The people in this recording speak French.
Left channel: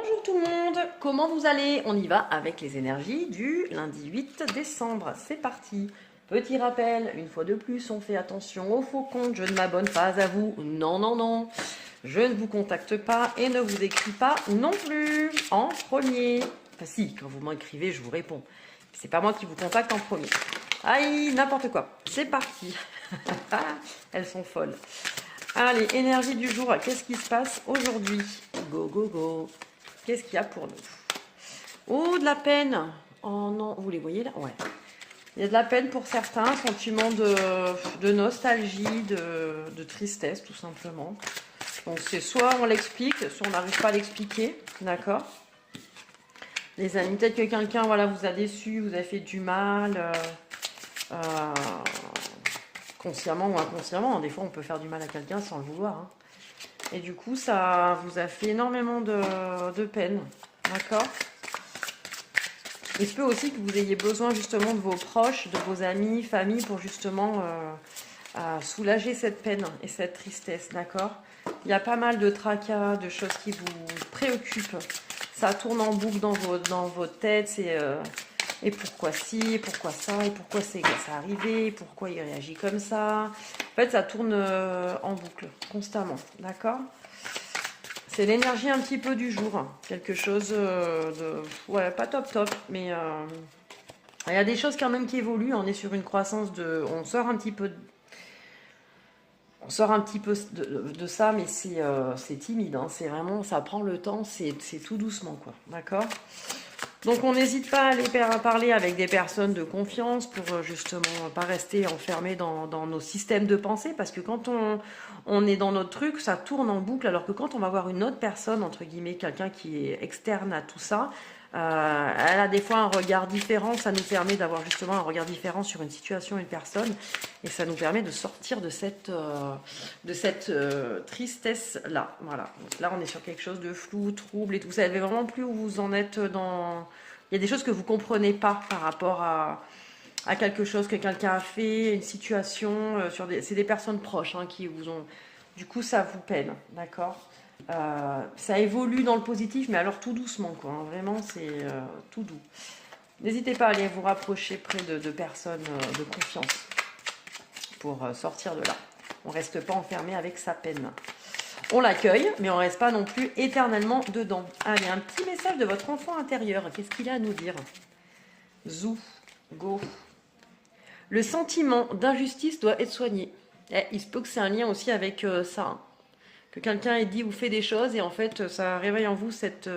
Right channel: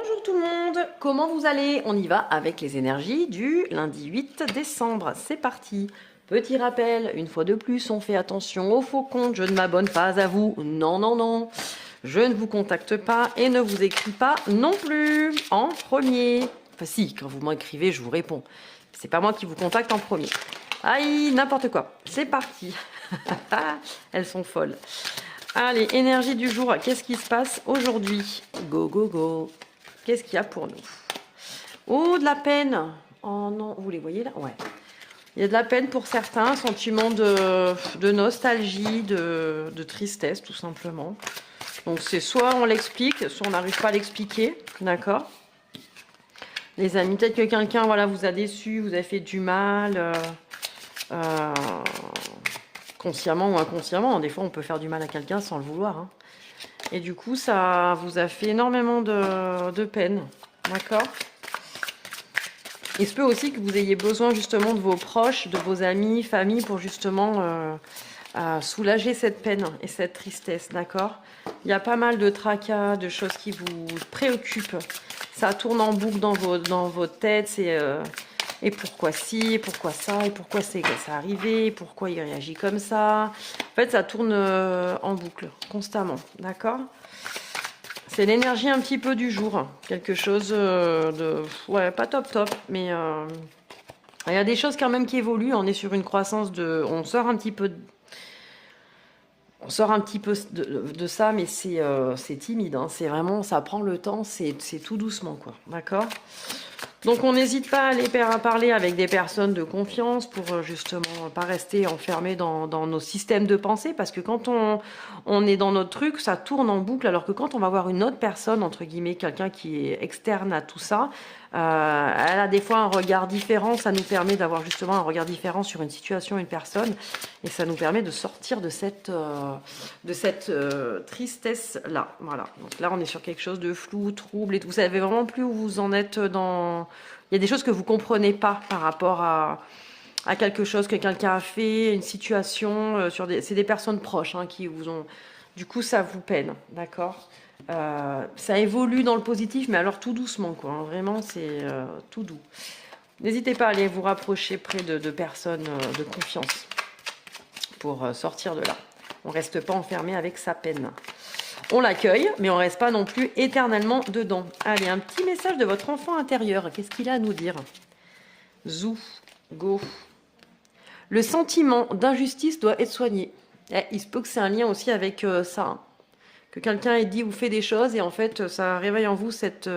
Bonjour tout le monde, comment vous allez? On y va avec les énergies du lundi 8 décembre. C'est parti. Petit rappel, une fois de plus, on fait attention aux faux comptes. Je ne m'abonne pas à vous. Non, non, non. Je ne vous contacte pas et ne vous écris pas non plus en premier. Enfin si, quand vous m'écrivez, je vous réponds. C'est pas moi qui vous contacte en premier. Aïe, n'importe quoi. C'est parti. Elles sont folles. Allez, énergie du jour. Qu'est-ce qui se passe aujourd'hui? Go, go, go. Qu'est-ce qu'il y a pour nous? Oh, de la peine. Oh non, vous les voyez là? Ouais. Il y a de la peine pour certains, sentiment de nostalgie, de tristesse, tout simplement. Donc c'est soit on l'explique, soit on n'arrive pas à l'expliquer, d'accord? Les amis, peut-être que quelqu'un voilà, vous a déçu, vous a fait du mal, consciemment ou inconsciemment. Des fois, on peut faire du mal à quelqu'un sans le vouloir. Hein. Et du coup, ça vous a fait énormément de peine, d'accord? Il se peut aussi que vous ayez besoin justement de vos proches, de vos amis, familles, pour justement soulager cette peine et cette tristesse, d'accord? Il y a pas mal de tracas, de choses qui vous préoccupent. Ça tourne en boucle dans votre tête, c'est et pourquoi ci, et pourquoi ça, et pourquoi c'est arrivé, et pourquoi il réagit comme ça. En fait, ça tourne en boucle, constamment, d'accord? C'est l'énergie un petit peu du jour. Quelque chose de... Ouais, pas top top, mais... Il y a des choses quand même qui évoluent. On est sur une croissance de... On sort un petit peu... On sort un petit peu de ça, mais c'est timide. Hein. C'est vraiment... Ça prend le temps, c'est tout doucement, quoi. D'accord? Donc on n'hésite pas à aller parler avec des personnes de confiance pour justement pas rester enfermé dans nos systèmes de pensée, parce que quand on est dans notre truc, ça tourne en boucle, alors que quand on va voir une autre personne, entre guillemets, quelqu'un qui est externe à tout ça, elle a des fois un regard différent, ça nous permet d'avoir justement un regard différent sur une situation, une personne, et ça nous permet de sortir de cette tristesse-là. Voilà. Donc là, on est sur quelque chose de flou, trouble, et tout. Vous savez vraiment plus où vous en êtes dans... Il y a des choses que vous comprenez pas par rapport à quelque chose que quelqu'un a fait, une situation, c'est des personnes proches hein, qui vous ont... Du coup, ça vous peine, d'accord? Ça évolue dans le positif, mais alors tout doucement, quoi. Hein. Vraiment, c'est tout doux. N'hésitez pas à aller vous rapprocher près de personnes de confiance pour sortir de là. On reste pas enfermé avec sa peine. On l'accueille, mais on reste pas non plus éternellement dedans. Allez, un petit message de votre enfant intérieur. Qu'est-ce qu'il a à nous dire? Zou, go. Le sentiment d'injustice doit être soigné. Il se peut que c'est un lien aussi avec ça. Hein. Que quelqu'un ait dit ou fait des choses et en fait, ça réveille en vous cette